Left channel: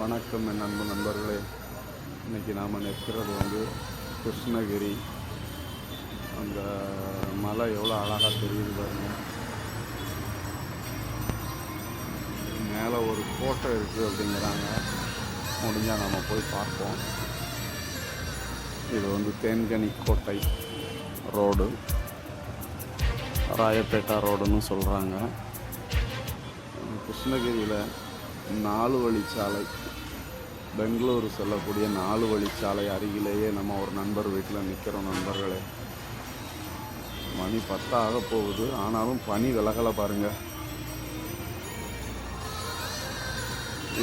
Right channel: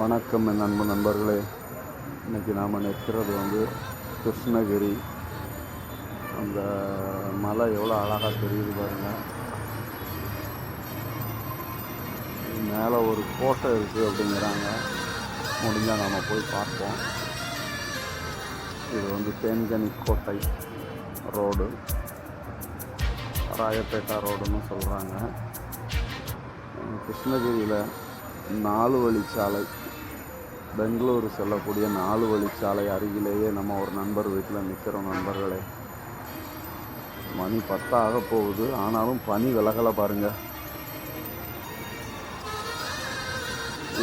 வணக்கம் என் அன்பு நண்பர்களே. இன்றைக்கி நாம் நிற்கிறது கிருஷ்ணகிரி. அந்த மலை எவ்வளோ அழகாக தெரியுது பாருங்கள். மேலே ஒரு கோட்டை இருக்குது அப்படிங்கிறாங்க. முடிஞ்சால் நாம் போய் பார்ப்போம். இது தேன்கனி கோட்டை ரோடு, ராயப்பேட்டா ரோடுன்னு சொல்கிறாங்க. கிருஷ்ணகிரியில் 4 வழிச்சாலை, பெங்களூர் செல்லக்கூடிய 4 வழிச்சாலை அருகிலேயே நம்ம ஒரு நண்பர் வீட்டில் நிற்கிறோம். நண்பர்களே, மணி 10 ஆக போகுது, ஆனாலும் பனி விலகலை பாருங்கள்.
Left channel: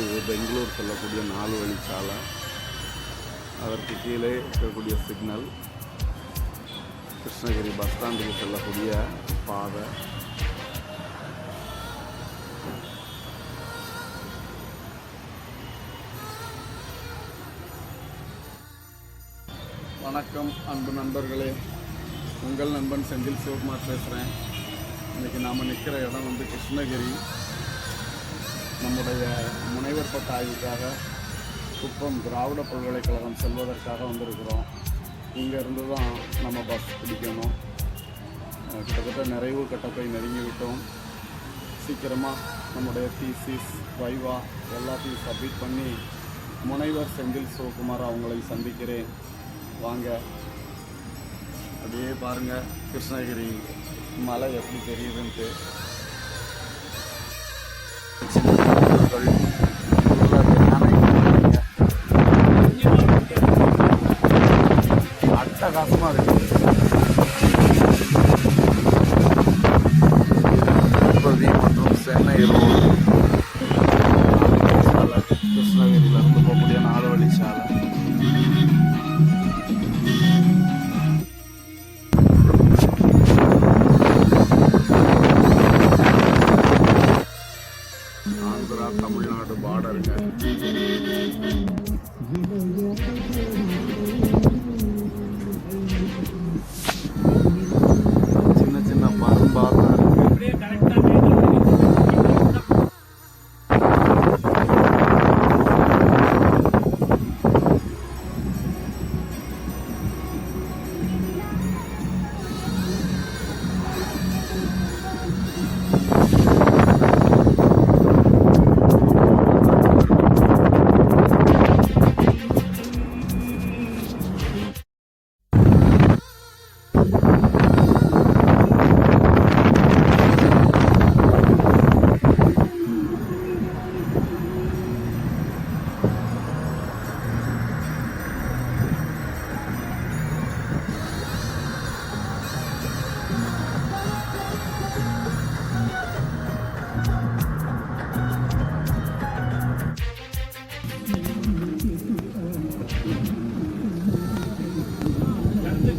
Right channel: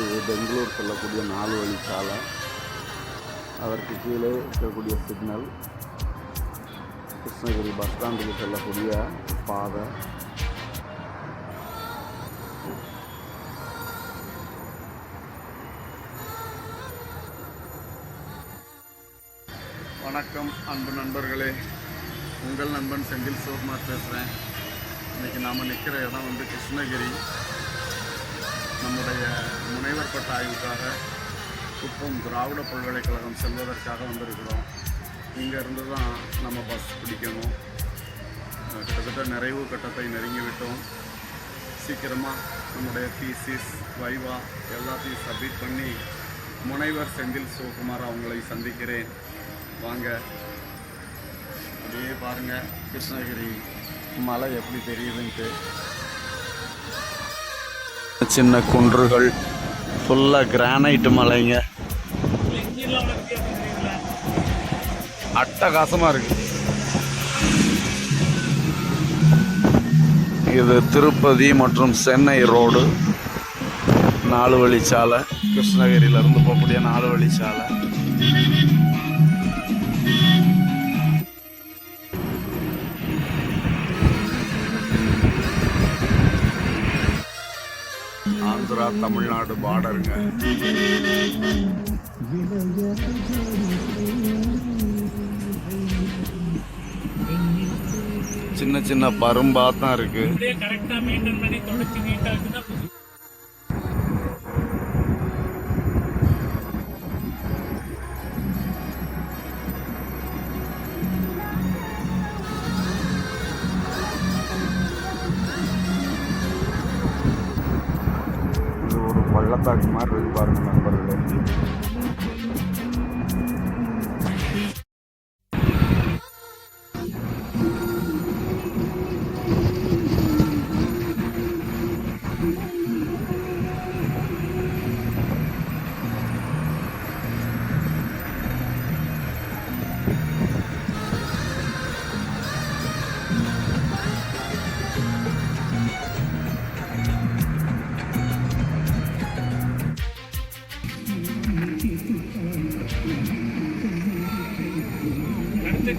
இது பெங்களூர் செல்லக்கூடிய 4 வழிச்சாலை. அதற்கு கீழே இருக்கக்கூடிய சிக்னல் கிருஷ்ணகிரி பஸ் ஸ்டாண்டுக்கு செல்லக்கூடிய பாதை. வணக்கம் அன்பு நண்பர்களே, உங்கள் நண்பன் செந்தில் சிவகுமார் பேசுகிறேன். இன்றைக்கி நாம் நிற்கிற இடம் கிருஷ்ணகிரி. நம்முடைய முனைவர் பட்ட ஆய்வுக்காக குப்பம் திராவிட பல்கலைக்கழகம் செல்வதற்காக வந்திருக்கிறோம். இங்கேருந்து தான் நம்ம பஸ் பிடிக்கணும். கிட்டத்தட்ட நிறைவு கட்டத்தை நெருங்கிவிட்டோம். சீக்கிரமாக நம்முடைய தீசிஸ், வைவா எல்லாத்தையும் சப்மிட் பண்ணி முனைவர் செந்தில் சிவகுமார் அவங்களை சந்திக்கிறேன். வாங்க, அப்படியே பாருங்கள் கிருஷ்ணகிரி மலை எப்படி தெரியுதுன்ட்டு. சின்ன குன்றுகள், ஃபுல்லாக கிரானைட் மலைங்க, அட்டகாசமாக இருக்குது. இது திருப்பதி மற்றும் சென்னை ரோடு 4 வழிச்சாலை. கிருஷ்ணகிரியிலேருந்து போகக்கூடிய 4 வழிச்சாலை. ஆந்திரா தமிழ்நாடு பார்டருங்க. சின்ன சின்ன பரும்பா தான் இருக்கு.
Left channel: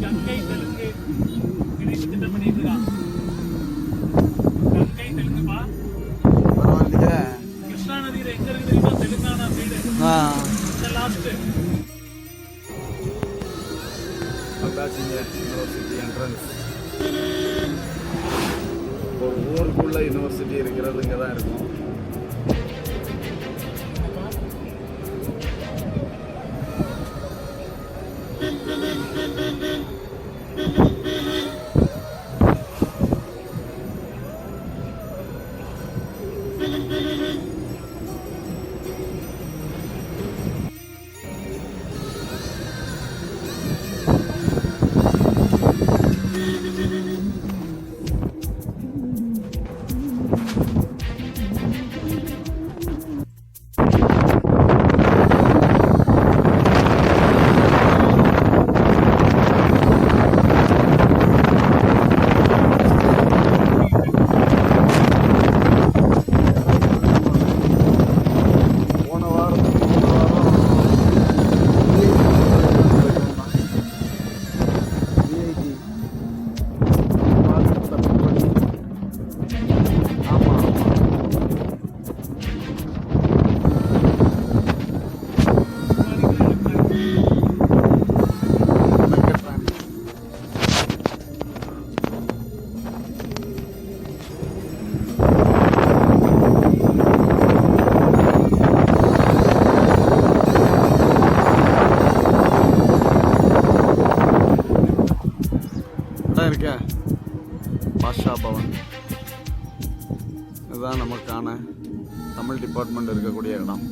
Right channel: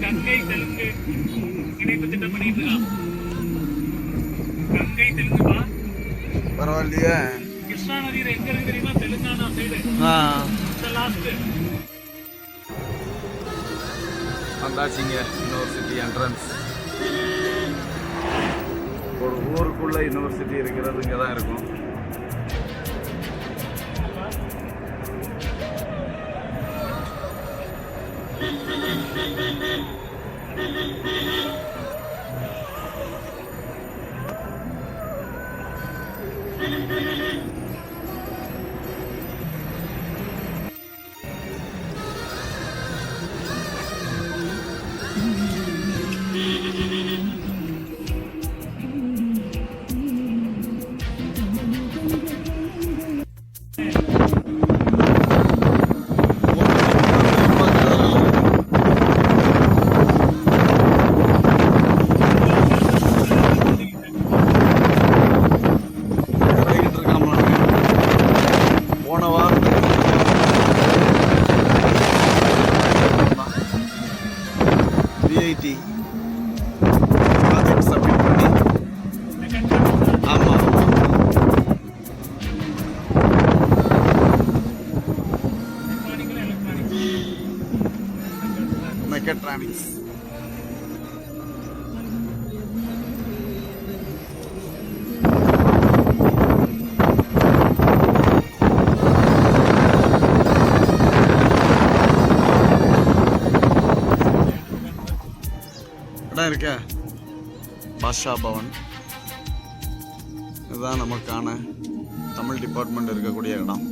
கங்கை தெலுங்கு இணைப்பு திட்டம் பண்ணிட்டு இருக்கான். கங்கை தெலுங்குப்பா, பரவாயில்லையே. கிருஷ்ணா நதியில எங்க இருக்கு தெரியுமா? தெலுங்கானா சைடு. லாஸ்ட் வந்தாச்சிங்க. University entrance. ஒரு ஊருக்குள்ள யூனிவர்சிட்டி இருக்கிறது இங்கே தான் இருக்கும். தான் இருக்க பாஷா பவன். இதுதான் நமக்கான தமிழ் டிபார்ட்மெண்ட் இருக்கக்கூடிய இடம்.